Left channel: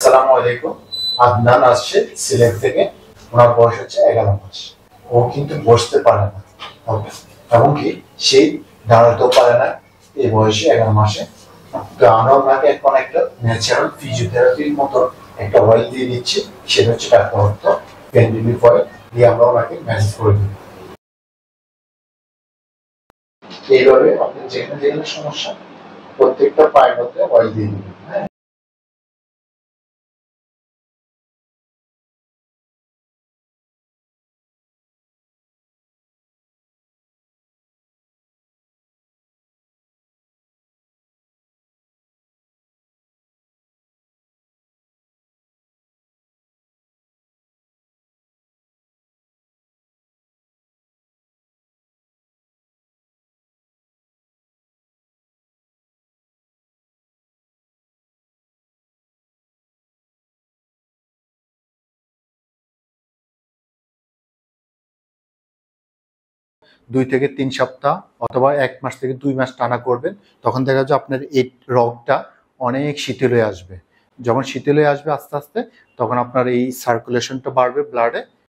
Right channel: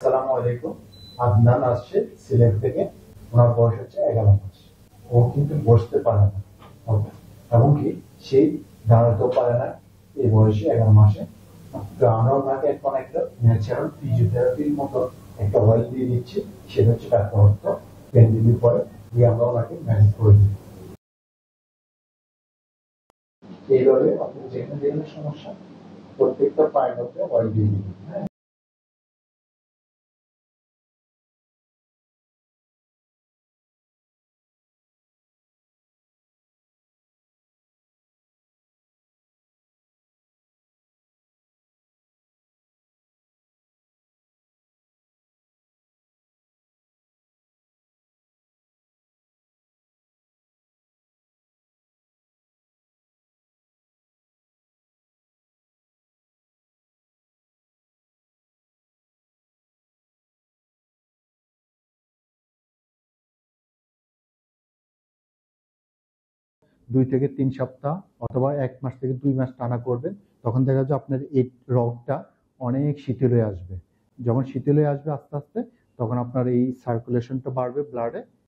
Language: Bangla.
আসসালামু আলাইকুম। আদনান আসছে সিলেট থেকে। ওনার বয়স হচ্ছে 11 মাস। ও কিন্তু বসতে পারে না, এমনকি সেই দাঁড়াতেও পারে না এই বয়সে 11 মাসে। তো আমরা ওনাকে এখন একটা ন্যাচারাল ফিজিওথেরাপির মতো একটা অয়েল দিয়ে দিচ্ছি, সেটা হচ্ছে ডাক্তার অর্থ পেন্ডিলিভ অয়েল দিয়ে আমরা ওনাকে ম্যানেজ করে দিই। এইভাবে আপনি যেখানে যেখানে সমস্যা প্রত্যেকটা পায়ের মধ্যে অয়েল দিয়ে দিবেন। হ্যাঁ, 2 থেকে 3 সপ্তাহ অথবা 1 মাস থেকে 2 মাস টানা করবেন। তখন দেখা যাবে আপনার এই রগটা অনেক শিথিল হয়ে আসবে। যখন শিথিল হয়ে আসবে আস্তে আস্তে, তখন আপনার এই সার্কুলেশনটা বাড়বে ব্লাডে,